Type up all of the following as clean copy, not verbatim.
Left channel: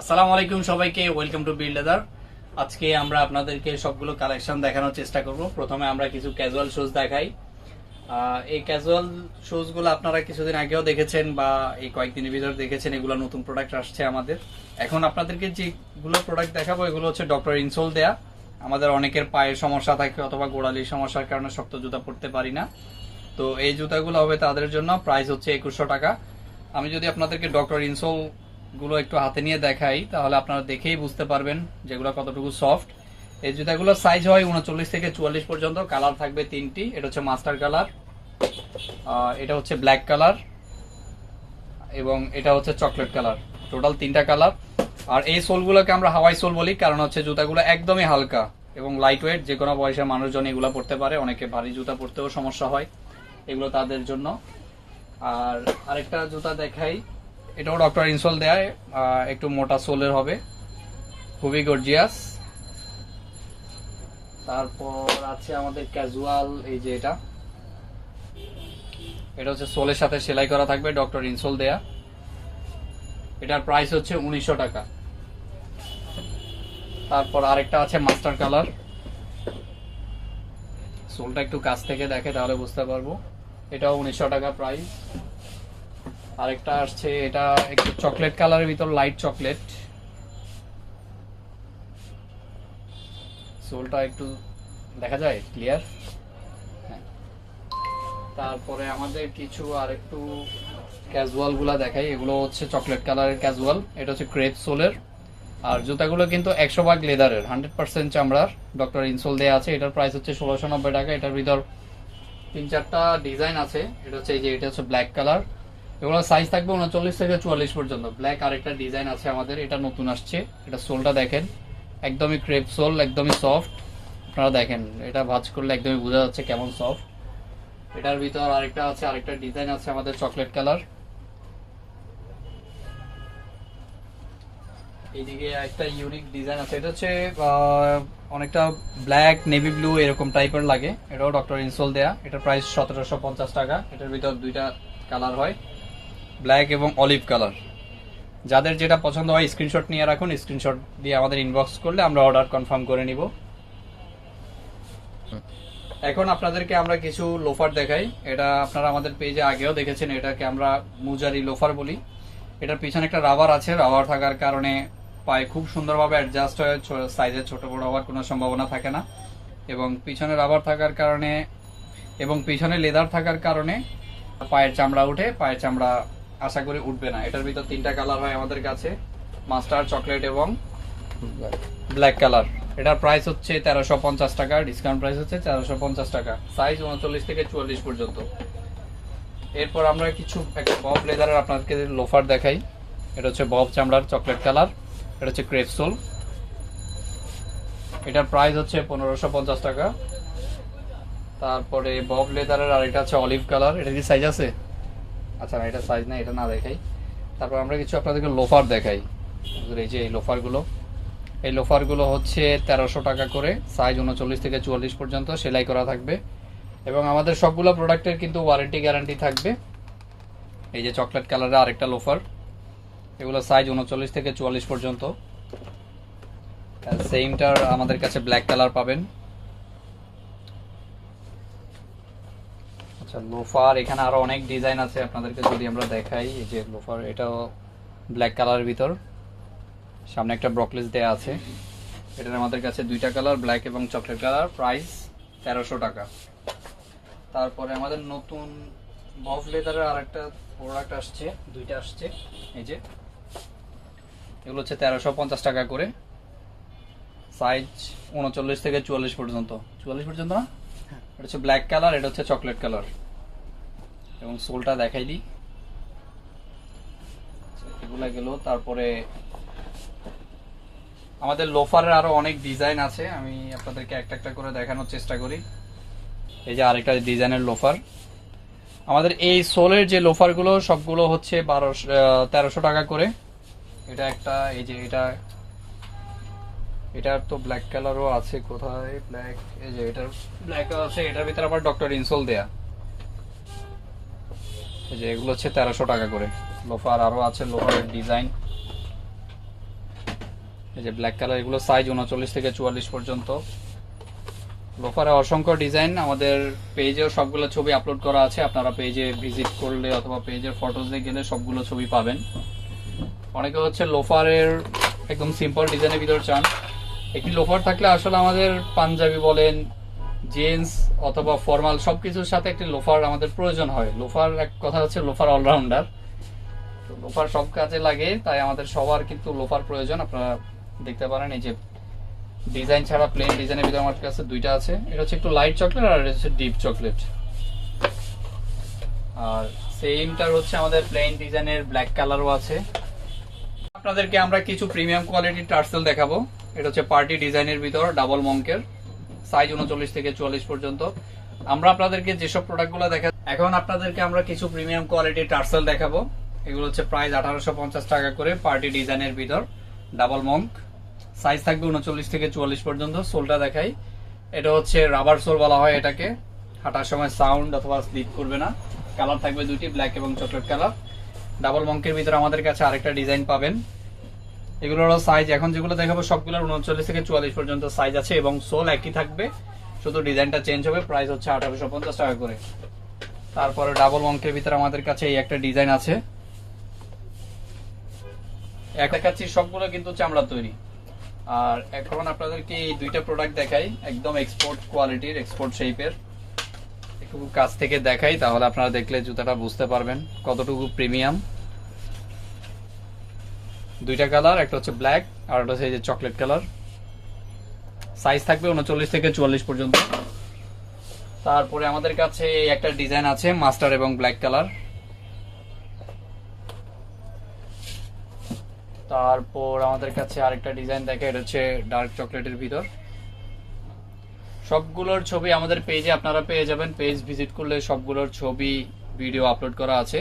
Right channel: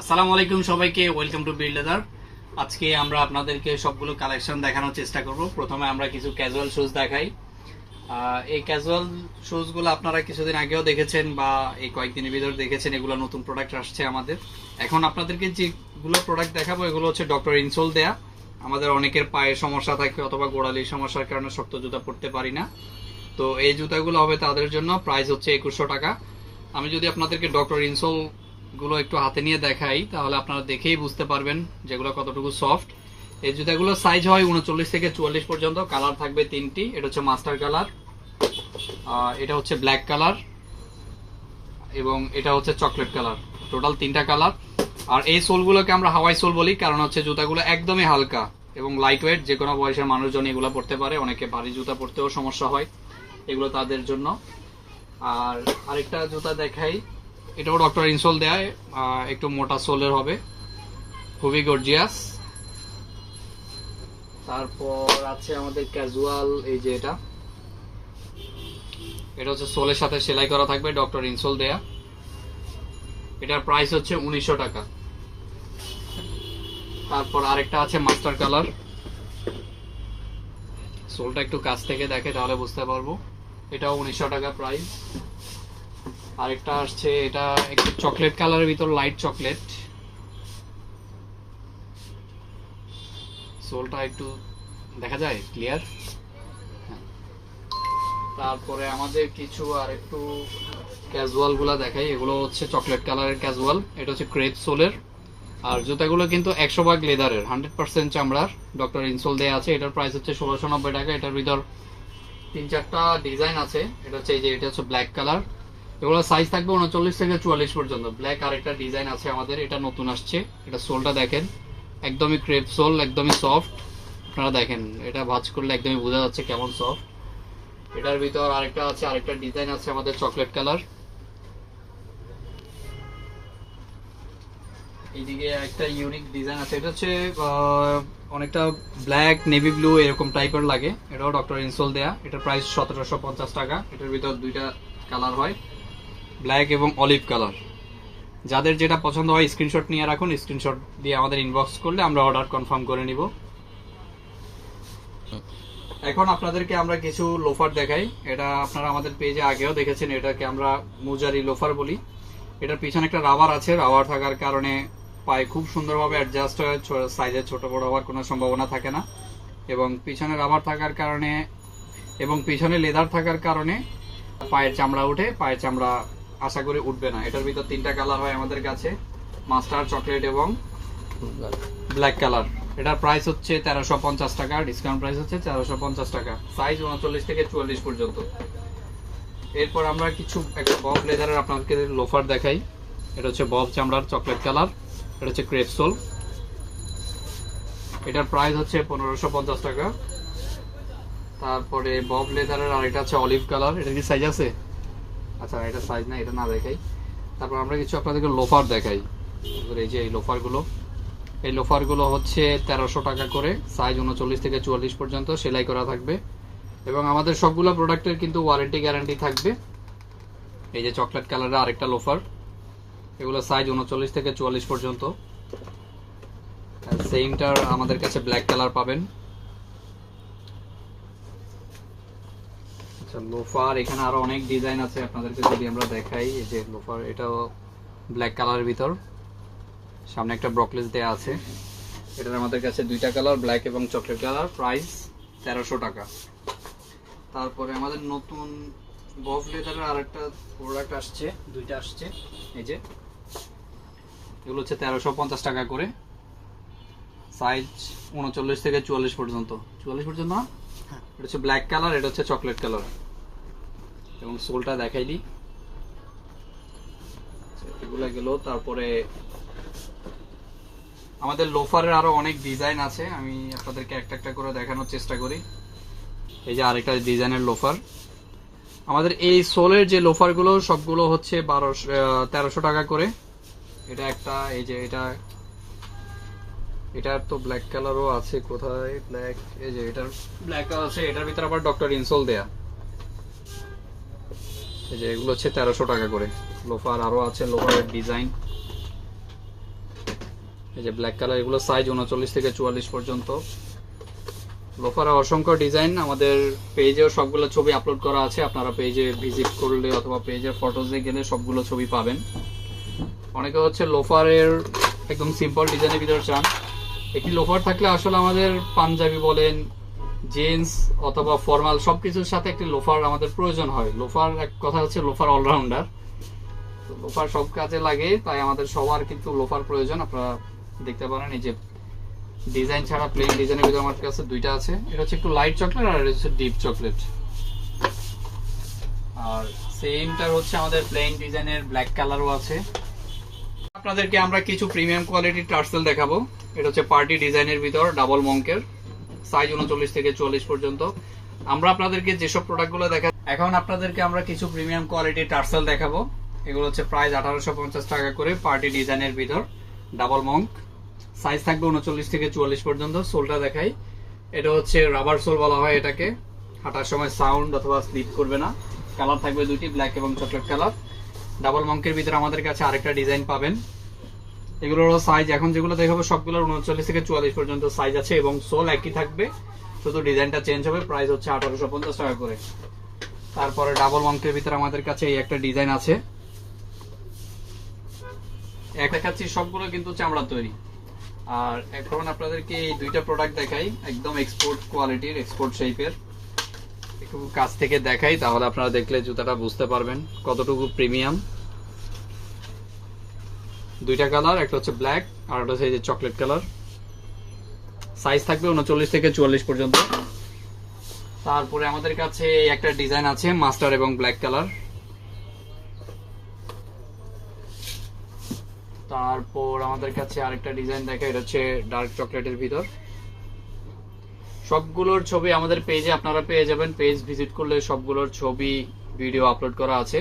আসসালামু আলাইকুম সবাইকে, ওয়েলকাম টু বিল্ড লেদার। আজকে আমরা আপনাদেরকে সবগুলো কালেকশন দেখানোর চেষ্টা করব। প্রথমে আমরা কিছু ক্যাজুয়াল শুজ দেখাই। এই ক্যাজুয়াল শুজগুলো আপনারা কিছুদিন আগেও দেখেছেন বা এই কয়েকদিনের ভিতরে দেখেছেন। এগুলো নতুন প্রোডাক্ট আসছে আমাদের। এখন আপনাদেরকে যেগুলো প্রোডাক্ট দেখাবো এগুলো হচ্ছে ডক্টর ইনসোল দেয়া। আমাদের অনেকের পায়ের সমস্যা থাকে অথবা গোড়ালির সমস্যার কারণে শক্ত জুতা পরতে পারি না, তো এই জুতাগুলো হবে তাদের জন্য। প্রাইস হচ্ছে 2100 টাকা। আমি যদি আপনাদেরকে ডক্টর ইনসোল গুলো একটু হাতে নিয়ে দেখাই তাহলে আপনারা দেখেই বুঝতে পারবেন যেগুলো কতটুকু সফট। এই জুতাগুলোর সাইজ হয় 39 থেকে 44 পর্যন্ত। কালার থাকবে তিনটি। এটা হচ্ছে মাস্টার কালার, এটা হচ্ছে ব্ল্যাক কালার এবং এটা হচ্ছে চকলেট কালার। টোটাল তিনটা কালার। আর এই সোলগুলোকে আমরা হাওয়াই সোল বলি, কারণ হচ্ছে জুতাগুলো একদমই হালকা এবং লাইট ওয়েট। যে কোনো বয়সের মানুষজন এগুলো পরতে পারে। অনেকে ভারী জুতা পরতেও সমস্যা হয়, এগুলো তাদের জন্য। আর আরেকটা জুতা দেখাই, এটাও ডক্টর ইনসোল দেয়, একটু মোটা সোলের হবে, খুবই গর্জিয়াস। তারপর আছে আমাদের ক্যাজুয়াল, এই যে এটা হচ্ছে সোলের সাথে সেলাই করা থাকবে, ডক্টর ইনসোল দেয়া। এটার প্রাইস হচ্ছে 1900 টাকা। তারপর আরেকটা আছে মাস্টার কালার, সোলটা একটু কাছ থেকে দেখে তাহলে বুঝতে পারবো। এটাও 1900 টাকা প্রাইস। আরেকটা আসছে, এটা একটু চকলেট কালারের ভিতর, লাইট চকলেট। সোলটা একটু দেখা যায় ক্লিয়ার। তারপরে আমাদের কিছু আর একটু ক্যাজুয়াল গুলা দেখাই। এগুলো হচ্ছে চকলেট কালারের ক্যাজুয়াল, এটা হচ্ছে ক্রেপ সোলের। আর জুতাগুলো কিন্তু 100% লেদারের, 100% চামড়ার, ডক্টর ইনসোল দেওয়া আছে। এটার প্রাইস হচ্ছে 1690 টাকা। এটার ভিতর 3-4টা ডিজাইন আছে। এটা হচ্ছে এই যে, এটা হচ্ছে ব্ল্যাক কালার। এগুলো সাইজ থাকবে 39 থেকে 44 পর্যন্ত। ব্ল্যাক আরেকটা ডিজাইন আছে আমাদের, এটা নতুন আসছে। এটা সোলটা দেখেন, একদমই ক্রেপ সোল, একদমই সফট। আপনারা দেখেন, এটা ভাঁজ করলে একদমই বোঝা যাচ্ছে কেমন সফট। এটার ভিতর আরেকটা আছে, আরেকটা ডিজাইন আছে আমাদের চকলেট কালার। এইদিকে একটা ইউনিক ডিজাইন আছে, এটা হচ্ছে অনেকটা ব্ল্যাক নেভি ব্লু এরকম টাইপের লাগে। এটাও ডক্টর ইনসোল দেয়া। এটার প্রাইস 1750 টাকা। এটার ভিতর দুইটা কালার হয়, ব্ল্যাক এবং অলিভ কালার। যাদের যেটা পছন্দ হয় স্ক্রিনশট নিয়ে রাখুন, স্ক্রিনশট দিয়ে আমাদের ইনবক্স করলে আমরা অর্ডার কনফার্ম করে নিব। এখন আপনাদেরকে আমরা কিছু লোফার দেখাই। এটা আপনারা আমাদের পেজে আগেও দেখেছেন, এটাকে আমরা মুজারি লোফার বলি। এটার পিছনে একটা রাবার আছে, রাবার থাকার কারণে পায়ে খুব সুন্দরভাবে অ্যাডজাস্ট হয়, সাইজে ছোট বড় হওয়ার কোনো সম্ভাবনা থাকে না। এবং পিছনে রাবার থাকার কারণে এবং পিছনে লেদার থাকার কারণে পায়ের চামড়া উঠে, পায়ের চামড়া আশা করি উঠবে না। এটার ভিতর তিনটা কালার হয় আমাদের কাছে, মাস্টার, চকলেট এবং ব্ল্যাক কালার। এটার প্রাইস হচ্ছে 1350 টাকা। ডিসকাউন্ট প্রাইস হচ্ছে 1350 টাকা। সাইজ 39 থেকে 44 পর্যন্ত। এরপর আমরা কিছু একটা বব লেদারের আপনাদেরকে লোফার দেখাই। এটা হচ্ছে বব চামড়ার, চকলেট কালার। এটা হচ্ছে ক্রেপ সোল। এটার প্রাইস হচ্ছে 1550 টাকা। তারপরে বব লেদারের আরেকটা হচ্ছে অলিভ কালার। এটা কি সাইজ আছে? আচ্ছা, এটা সাইজ না, এটা না দেখাই। তারপর আমরা কিছু আপনাদেরকে লোফার দেখাই। এই যে এই লোফারগুলো, এই লোফারগুলো হচ্ছে 1300 টাকা করে। সাইজ 39 থেকে 44 পর্যন্ত, সেলাই করা থাকবে। এবং আমাদের সবগুলো প্রোডাক্টের কিন্তু ওয়ারেন্টি গ্যারান্টি থাকবে। এই যে চকলেট কালারের আরেকটা লোফার, এগুলো সাইজ 39 থেকে 44 পর্যন্ত। সেইমটার আমাদের কাছে ব্ল্যাক কালার পাবেন। আচ্ছা, লোফার এখানে আরো অনেক ডিজাইন আছে, আপনাদেরকে যদি আমরা দেখাই। এই যে লোফার, এটা ব্ল্যাক কালারের ভিতর, সামনে একটা ব্রকলেস দেয়া আছে। এটার আমাদের কাছে দুইটা কালার, ব্ল্যাক এবং চকলেট কালার। প্রাইস 1300 টাকা। তারপরে আমাদের নতুন বব লেদারের আরেকটা প্রোডাক্ট আসছে, দুইটা আসছে। এই যে এগুলো হচ্ছে 1350 টাকা করে। সাইজ 39 থেকে 44 পর্যন্ত। 44 পর্যন্ত না? এটা হচ্ছে ব্ল্যাক কালার, এটা হচ্ছে চকলেট কালার। এবং সোলটা দেখাই দিই। এগুলো গেল। তারপরে আমাদের লোফারের আরো অনেক ডিজাইন আছে, আমি আপনাদেরকে একটা একটা করে দেখানোর চেষ্টা করি। এই যে আরেকটা ডিজাইনের লোফার। আমাদের এই সোলের যে লোফার গুলো সবগুলো হচ্ছে 1300 টাকা করে। এটা একটা, এই যে এটার তো ব্ল্যাক কালারও আছে, কোথায় ব্ল্যাক? এই যে এটার ব্ল্যাক কালার আছে। এটার ভিতরে আবার ডক্টর ইনসোল দেয়া। এই যে এগুলো হচ্ছে 1300 টাকা করে লোফার। আরো আছে লোফারের ডিজাইন। এই যে ব্ল্যাক কালার, এগুলো সাইজ 39 থেকে 44 পর্যন্ত। লোফারে অসংখ্য ডিজাইন, আমাদের পেজেও সবগুলো ছবি আপলোড করা আছে, আপনারা পেজে ভিজিট করলে অথবা পেজের ফটোজে গেলে সবগুলো ছবি পাবেন। অনেকে হচ্ছে লোফারের একদম সিম্পল ডিজাইনের ভিতরে চান। একটি লোফার থাকলে আসলে আমাদের পাঞ্জাবি বলেন, জিন্স অথবা ফর্মাল সবকিছুর সাথে একটি লোফার আমাদের প্রয়োজন হয়। লোফার এক কথা হচ্ছে লোফার অলরাউন্ডার, লোফার সব কাজে লাগে, তাই আমাদের সবার কিন্তু লোফার প্রয়োজন। আপনারা দেখতে পারেন এই যে ডিজাইন ছাড়া প্লেন ডিজাইনের ভিতরে আমার কাছে দুইটা আছে। এটা হচ্ছে একটু লাইট চকলেট আর এটা হচ্ছে ডিপ চকলেট। আর সেমটার হচ্ছে আমাদের প্লেন ডিজাইনের ব্ল্যাক কালারও আছে। আপনাদেরকে আমরা কিছু প্রিমিয়াম কোয়ালিটির টার্সেল দেখাবো। এটা হচ্ছে পার্টি ডিজাইনের ভিতর ডাবল মঙ্কের, সাইজ 39 থেকে 44 পর্যন্ত। আমরা আপনাদেরকে যেসব প্রোডাক্টগুলো এখন আপনাদেরকে আমরা কিছু প্রিমিয়াম কোয়ালিটির টার্সেল দেখাবো। এগুলো হচ্ছে প্রাইস 1850 টাকা করে, পার্টি ডিজাইনের ভিতর ডাবল মঙ্ক, সাইজ থাকবে 39 থেকে 44 পর্যন্ত। সোলটা দেখাই, এটা হচ্ছে রাবার সোল বলা হয় এটাকে, হাঁটার সময় সাউন্ড অথবা স্লিপ করবে না। কালার থাকবে দুটি, ব্ল্যাক এবং চকলেট কালার। ডাবল মঙ্কের ভিতরে আমাদের কাছে আরেকটা ডিজাইন পাবেন। এগুলোর সাইজ এখন যেগুলো দেখাবো সবগুলোর 39 থেকে 44 পর্যন্ত সাইজ আছে এবং সোল একই থাকবে, শুধু ডিজাইনটা চেঞ্জ হবে। প্রাইস হচ্ছে 1850 টাকা করে। তারপরে ডাবল মঙ্কের ভিতরে আমাদের কাছে এই একটা ডিজাইন আছে। একটা কাছে সবগুলো কিন্তু চামড়া তৈরি। আর এখন আপনাদেরকে এই দুইটা প্রোডাক্ট দেখাই, একদম এক্সপোর্ট কোয়ালিটির, এক্সপোর্ট শেপের। একটু কাছ থেকে দেখাই, তাহলে আপনারা দেখলে জুতাটা বুঝতে পারবেন কতটুকু প্রিমিয়াম। দুইটা কালার, একটা হচ্ছে ব্ল্যাক আর একটা হচ্ছে এই যে চকলেট কালার। সাইজ থাকবে 39 থেকে 44 পর্যন্ত। তারপরে আমাদের কাছে একটা ডিজাইন আছে মাস্টার এবং ব্ল্যাক কালার। তারপর আমাদের কাছে আরেকটা ডিজাইন দেখা, এটা হচ্ছে ডার্ক চকলেটের ভিতর। সবগুলোর ছবি আমাদের পেজে আপনারা পেয়ে যাবেন, পেজ ভিজিট করলে সবগুলোর ছবি ভিডিও আপলোড করা আছে।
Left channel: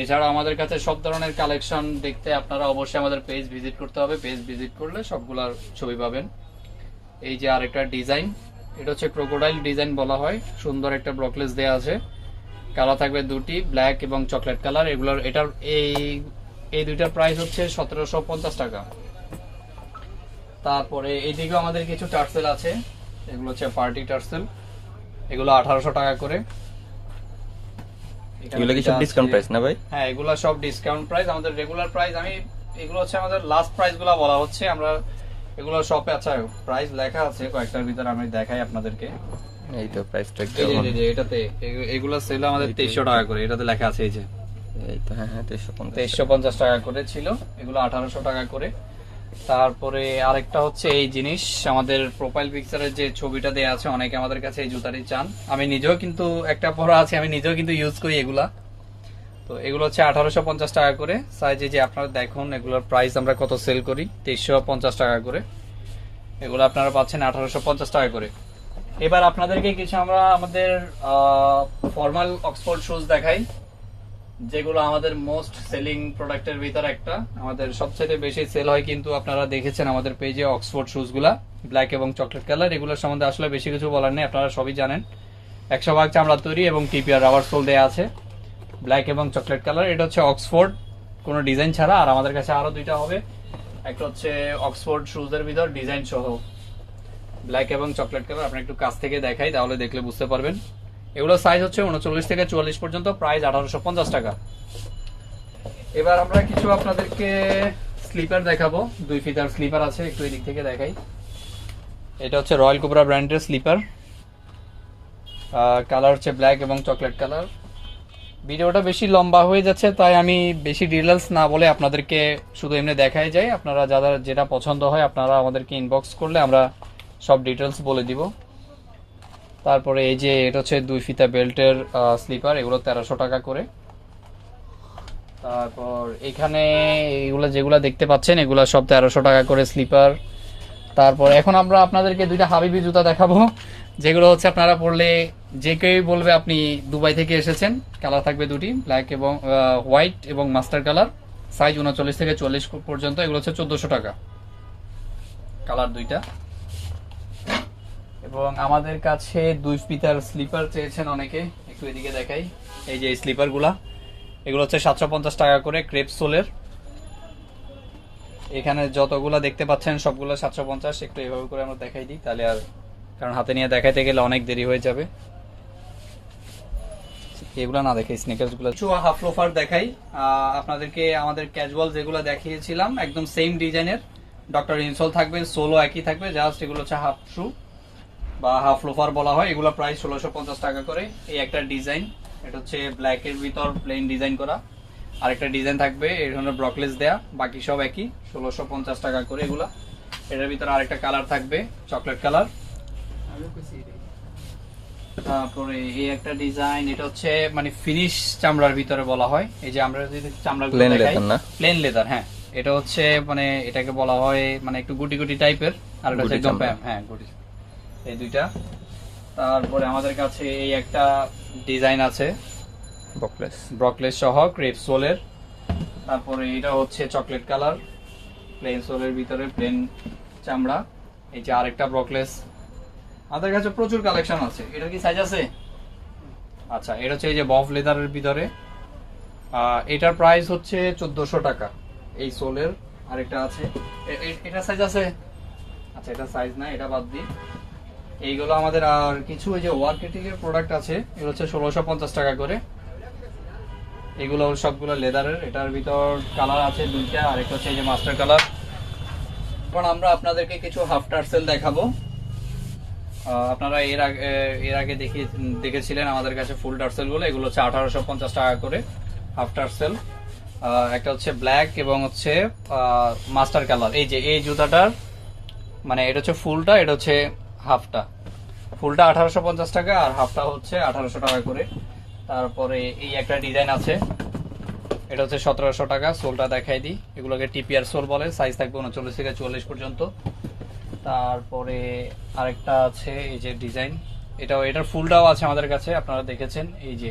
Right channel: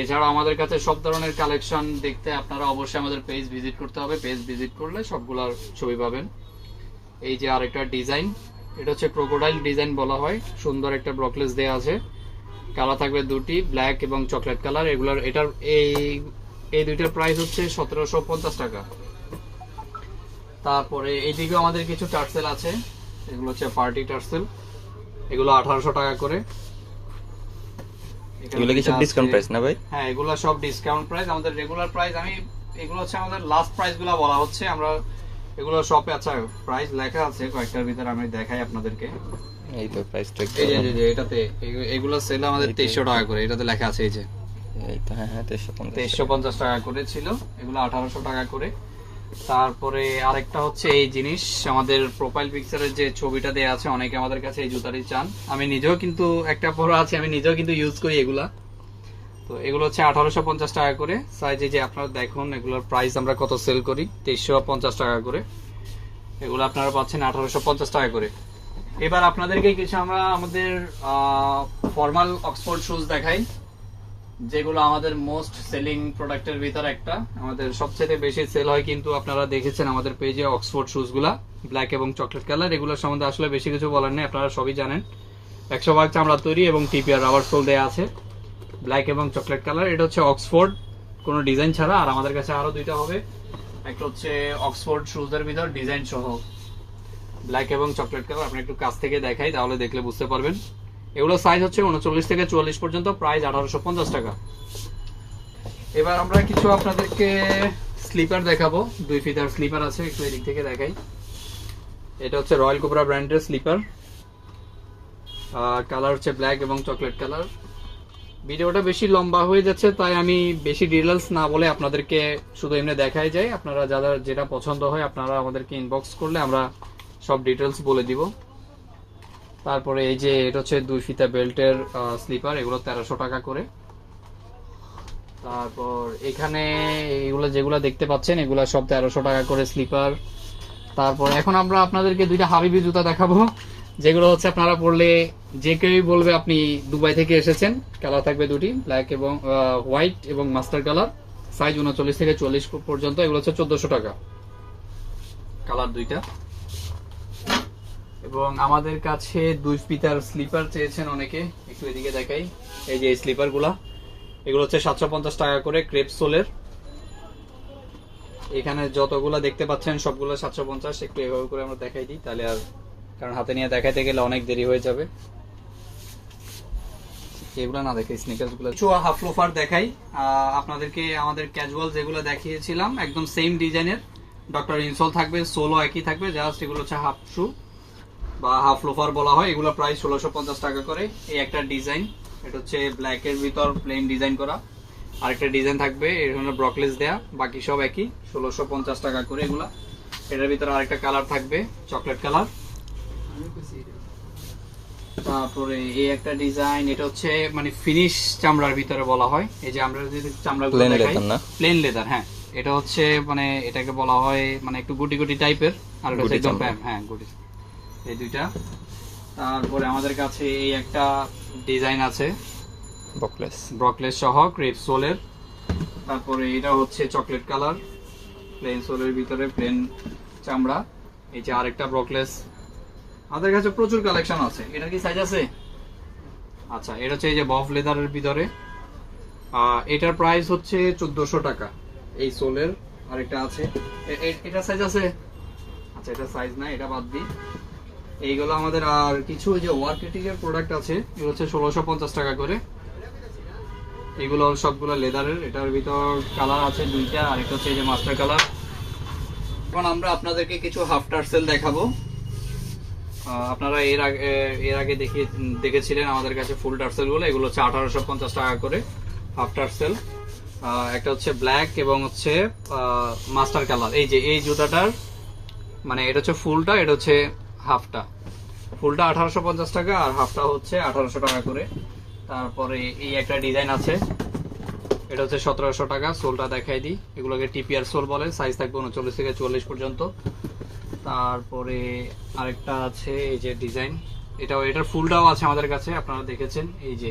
এছাড়াও আমাদের কাছে সব ধরনের কালেকশন দেখতে আপনারা অবশ্যই আমাদের পেজ ভিজিট করতে হবে, পেজ ভিজিট করলে সবগুলোর ছবি পাবেন। এই যে আরেকটা ডিজাইন, এটা হচ্ছে ক্রোকোডাইল ডিজাইন বলা হয়, সুন্দর একটা ব্রকলেস দেওয়া আছে। কালার থাকবে দুটি, ব্ল্যাক এবং চকলেট কালার। এগুলোর এটার এই দুইটার প্রাইস হচ্ছে 1750 টাকা। তারপরে এইদিকেও আমাদের কিছু টার্সেল আছে, এগুলো হচ্ছে পার্টি টার্সেল, এগুলো 1800 টাকা করে। এগুলো কি সব ডিসকাউন্ট প্রাইস না ভাই? হ্যাঁ, এগুলো সব ডিসকাউন্ট প্রাইস। আমাদের রেগুলার প্রাইস এগুলো হচ্ছে আমাদের লাস্ট প্রাইস গুলা বলা হচ্ছে। আমরা এগুলো শপে আচ্ছা প্রাইস লেখা আছে কয়েকটার ভিতরে, আমি দেখাই আপনাদেরকে। এই তো প্রাইসটা এই যে এটাতে এগুলো সেল আমাদের 2300 টাকা করে, এটাতে লেখা আছে এই যে। এই তো হ্যাঁ 2350 টাকা করে ছিল, এগুলো 1800 টাকা করে। তারপরে আরেকটা হচ্ছে এই জিনিস, আমাদের প্রোফাইল পিকচারের যে ছবিটা দেয়া আছে, অনেকে আমাদের কাছে এই জুতাটি চান। আমি নিজেও কিন্তু একটা পরা আছে, আমি নিজেও কিন্তু ইউজ করি এগুলা। তো এগুলো হচ্ছে 1850 টাকা করে সাইজে। যে আপনারা দেখুন এগুলোর প্রাইস আমরা কত সেল করি, 2350 টাকা করে। এগুলো আপনারা পাচ্ছেন 1850 টাকা করে। এবার আপনাদেরকে কিছু আমরা আমাদের ফর্মাল অক্সফোর্ড শুজ দেখাই, যেগুলো আমাদের মোস্ট সেলিং প্রোডাক্টের ভিতর একটা। আমাদের সবচেয়ে বেশি সেল হয় কিন্তু আপনারা দেখেছেন আমাদের পেজে অক্সফোর্ড শুজ গুলা, ব্ল্যাক এবং চকলেট কালার। এগুলোর সম্বন্ধে আসলে বেশি কিছু বলার নেই, আপনারা সবই জানেন। 100% চামড়া তৈরি এবং টিপিআর রাবার সোল দেওয়া আছে, ব্ল্যাক এবং চকলেট কালার। এটা হচ্ছে অক্সফোর্ড কোনো ডিজাইন ছাড়া। আর আমাদের কাছে আরো দুইটা হবে, একটা হচ্ছে অক্সফোর্ড শুজের ভিতর ডিজাইন সহ, ব্ল্যাক এবং চকলেট কালার। আপনি একটু কাছ থেকে দেখাই, তাহলে দেখলে বুঝতে পারবেন। এগুলো সাইজ হচ্ছে 39 থেকে 44 পর্যন্ত, প্রাইস 1850 টাকা। এবার আমরা কিছু আপনাদেরকে স্লিপার দেখাবো, 2 ফিতার স্লিপার আছে, একটু এদিক থেকে দেখাই। এটা হচ্ছে রয়্যাল কোবরা ব্র্যান্ডের স্লিপার, কালার হচ্ছে ব্ল্যাক এবং চকলেট কালার। ভিডিওটা বেশি লম্বা হয়ে যাচ্ছে, তাই আমি বেশি ডিটেলস না বলে আপনাদেরকে শুধু এমনি দেখাই যাই। আপনারা যারা যেটা পছন্দ হয় আপনারা আমাদেরকে ইনবক্স করলে আমরা সব ডিটেলস বলে দিব। তারপরে এই যে এটা হচ্ছে 2 ফিতা বেল্টের স্লিপার, এগুলো 1300 টাকা করে। তারপর এখানে এগুলো যেগুলো দেখতে পাচ্ছেন এগুলো সব 1300 টাকা করে স্লিপার। তারপর এখন আমরা আপনাদেরকে দুইটা হাবিবি জুতা দেখাবো, যেগুলো হচ্ছে আপনারা পরলে যে কেউ বলবে আপনি দুবাই থেকে এসেছেন। কালার থাকবে দুটি, ব্ল্যাক এবং হোয়াইট এবং মাস্টার কালার। সাইজ 39 থেকে 40 পর্যন্ত। এগুলো হচ্ছে 1400 টাকা, কালার দুইটা। এবং আমাদের কাছে 2 ফিতার স্লিপার চেয়েছেন অনেকে, একটু এদিকে দেখাই। এই যে স্লিপার গুলা, এগুলো হচ্ছে 750 টাকা করে, ক্রেপ সোলের। এখানে যতগুলো দেখতে পাচ্ছেন সবগুলো 750। একটু এভাবে করে আমরা দেখাই দিই, তাহলে আর কারণ হাতে নিয়ে দেখাইতে গেলে অনেক দেরি হয়ে যাবে। এগুলো না দেখাই, স্নিকার্স গুলো কিছু হাফ লোফার দেখাই আপনাদেরকে। আমাদের ক্যাজুয়াল যেগুলো দেখিয়েছিলাম একদম সেম ডিজাইনের, ডক্টর ইনসোল থাকবে, সোলো একই থাকবে, জাস্ট এগুলো হচ্ছে হাফ শু বা হাফ লোফার বলা হয়। এগুলো প্রায় 1650 টাকা করে। এই একটা ডিজাইন, এটা হচ্ছে ব্ল্যাক এর ভিতর প্লেন ডিজাইন করা। আরেকটা ডিজাইন থাকবে এই ধরনের ব্রকলেস দেয়া, বাকি সব একই 1650 টাকা করে এগুলা। এটার ভিতরে আরেকটা কালার থাকবে চকলেট কালার। তারপরে এই একটা ডিজাইন, এটা হচ্ছে মানে ফিনিশ চামড়ার ভিতরে বলা হয়। এই যে আমরা যদি চামড়াগুলো Plain দেখাই, leather না? প্লেন লেদার, হ্যাঁ। এটা হচ্ছে মানে এটাকে বলা হয় মানে একটু গুটি গুটি টাইপের, আর এটা হচ্ছে গুটি একদম চামড়া। হ্যাঁ গুটি। এই দুইটা। তারপরে আমাদের কাছে এই একটা ডিজাইন আছে বকলেস। ব্রকলেস সহ ক্রেপ সোলের। তারপরে এটা হচ্ছে চকলেট কালার, প্লেন সোলের ভিতরে প্লেন চামড়া। এই যে আরেকটা ব্রকলেস। আমাদের কাছে প্রচুর কালেকশন আছে। এটার কি সাইজ আছে? আচ্ছা, এটা হচ্ছে এই যে বফ লেদারের ভিতরে। এটার প্রাইস হচ্ছে 1400 টাকা এই সোলের। আরেকটা আছে, এটা সাইজ আছে? আচ্ছা, এটা সাইজ না, এটা বাদ দিই। এইগুলো আমাদের আর কিছু ওই যে ওয়ার্কেটিং এর প্রোডাক্ট আছে, এগুলো হচ্ছে 1650 টাকা করে। এগুলো সবগুলো লেদারের। এটার ভিতর কালার আছে দুইটা, আর একটা হচ্ছে এই যে মাস্টার কালার। এখন আমরা আপনাদেরকে কিছু হাফ টার্সেল দেখাবো। আপনারা এর আগে দেখেছিলেন আমাদের কাছে ফুল টার্সেল গুলো। এগুলো হচ্ছে 1850 টাকা করে হাফ টার্সেল। একটা হচ্ছে ব্ল্যাক এবং হচ্ছে মাস্টার কালার। এই যে এই জুতাটার মানে এটা হচ্ছে ফুলটা, এটা হচ্ছে হাফটা। ফুলটা 1850 টাকা আর হাফটা হচ্ছে 1800 টাকা করে। তারপরে এই একটা ডিজাইন আছে, এটা হচ্ছে 1700 টাকা। সোলটা দেখাই দিই। এগুলোকে টিপিআর সোল বলে, সাইজ থাকবে 39 থেকে 44 পর্যন্ত। তারপরে আরেকটা আছে এই যে ডিজাইন, এটার ফুলটাও আছে আমাদের কাছে, আপনারা দেখেছেন। এই যে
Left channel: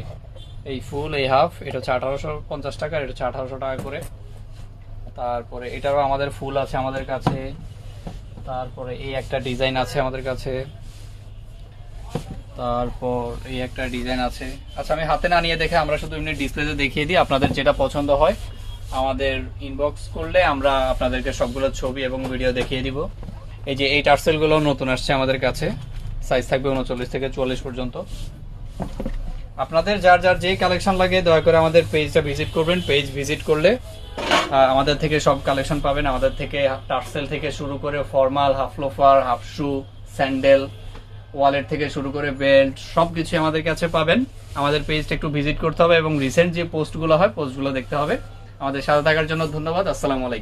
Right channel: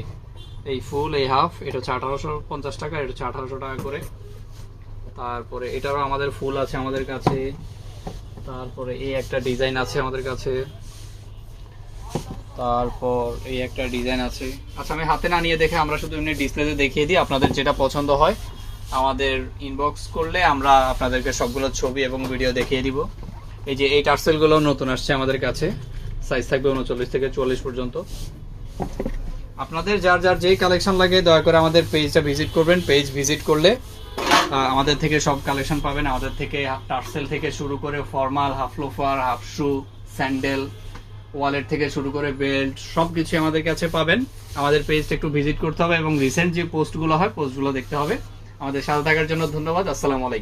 এই ফুল, এই হাফ, এটা হচ্ছে 1850 টাকা, এটা হচ্ছে 1800 টাকা করে। তারপরে এটারও আমাদের ফুল আছে আমাদের কাছে। তারপরে এই একটা ডিজাইন আছে আমাদের কাছে। তারপর এই একটা ডিজাইন আছে। আচ্ছা, আমি হাতে না নিয়ে দেখে আমরা শুধু এমনি ডিসপ্লেতে দেখিয়ে দিই। আপনাদের যেটা পছন্দ হয় আমাদের ইনবক্স করলে আমরা আপনাদেরকে সবগুলো ছবি এবং ভিডিও দেখিয়ে দিব। এই যে এই টার্সেল গুলো নতুন আসছে আমাদের কাছে, সাইজ থাকবে 39 থেকে 44 পর্যন্ত। আপনাদের যার যার যেই কালেকশন লাগে দয়া করে আমাদের পেজটা ভিজিট করবেন। পেজ ভিজিট করলে আমাদের থেকে সব কালেকশন পাবেন। আমাদের থেকে টার্সেল থেকে শুরু করে ফর্মাল, হাফ লোফার, হাফ শু, স্যান্ডেল, ওয়ালেট থেকে শুরু করে বেল্ট, সবকিছু আমাদের কাছে পাবেন। আমাদের পেজটা একটু ভিজিট করতে হবে এবং রিসেন্ট যে পোস্টগুলো হয় পোস্টগুলো দেখতে হবে। আমাদের সাথে থাকার জন্য ধন্যবাদ। আসসালামু আলাইকুম।